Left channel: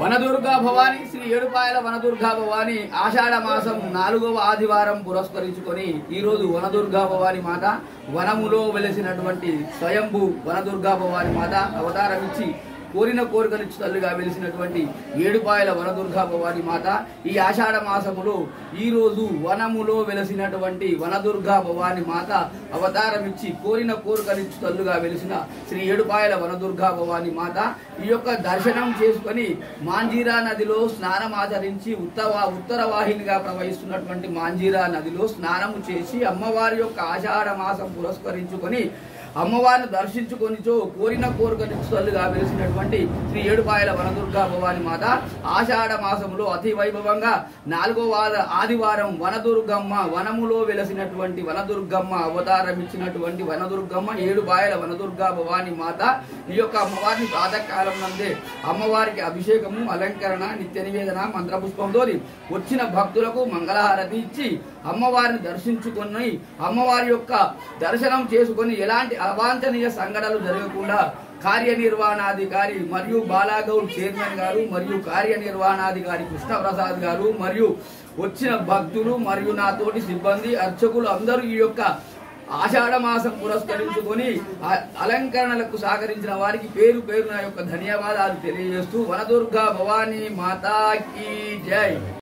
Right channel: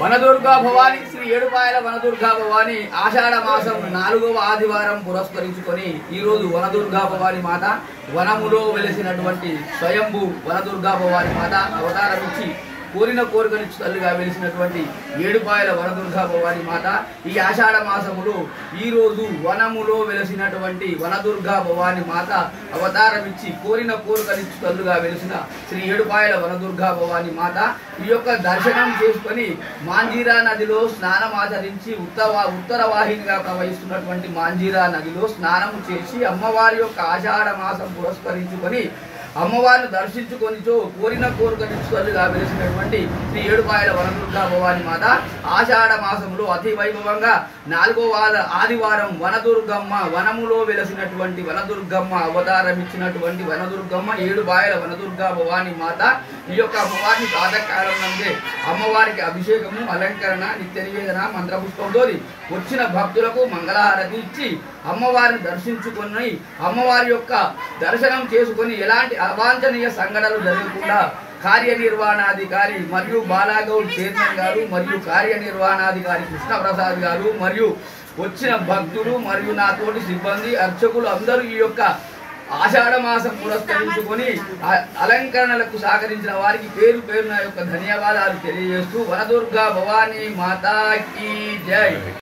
వనదుర్గా భవాని శ్రీ ఏడుపాయల వనదుర్గా భవాని ఆషాఢ మాసం 4వ ఆదివారం పురస్కరించుకొని ఈ రోజు వనదుర్గా భవాని మాత వనములో వెలిసినటువంటి స్వయంభూ వనదుర్గా భవాని మాత అవతారం ఇచ్చి కోరిన కోరికను తల్లిగా వెలిసినటువంటి ఏడుపాయల వనదుర్గా భవాని మాత ఈ ఆషాఢ మాసములో ఈ రోజు వనములో వెలిసినటువంటి వనదుర్గా భవాని మాత అవతారం ఇచ్చి కోరిన కోరికను తల్లిగా వెలిసిన శ్రీ ఏడుపాయల వనదుర్గా భవాని మాత ఈ యొక్క దర్శనం చేసుకొని మాంజీరా నదిలో స్నానం ఆచరించి ఉత్తర వాహినిగా ప్రవహిస్తున్నటువంటి మాంజీరా నదిలో స్నానం చేసి అమ్మవారి యొక్క ఆషాఢ మాసం పురస్కరించుకొని అమ్మవారిని దర్శించుకొనిచో కోరిన కోరికలుగా వెలిసినటువంటి శ్రీ ఏడుపాయల వనదుర్గా భవాని మాత ఆషాఢ మాసములో అతి వైభవంగా 4వ ఆదివారం వనదుర్గమ్మ వనములో వెలిసినటువంటి వనదుర్గమ్మ అవతారం ఇచ్చినటువంటి వనదుర్గమ్మ ఏడుపాయల వనదుర్గా భవాని మాత ఈ యొక్క అమ్మవారిని ప్రాతకాలం నందే అమ్మవారికి అభిషేకము అలంకరణ నిత్య నివేదన మంత్రపుష్పంతో వచ్చిన భక్తులకు మంగళహారతి ఇచ్చి అమ్మవారిని దర్శించుకొని అమ్మవారి యొక్క దర్శనం చేసుకొని ఎలాంటి అవాంఛనీయ సంఘటనలు జరగకుండా కార్యనిర్వహణాధికారి మరియు బాలాగౌడ్ చైర్మన్ గారు మరియు కార్యనిర్వహణాధికారి కృష్ణప్రసాద్ గారు మరియు వచ్చిన భక్తులు మరియు నాతోటి సిబ్బంది అర్చకులు అందరూ ఈ యొక్క ఆషాఢ మాసం పురస్కరించుకొని అలంకరణలకు సహకరించిన వారికి పేరు పేరున యొక్క ధన్యవాదాలు తెలియజేస్తూ వనదుర్గా భవానీ మాతాకి జై.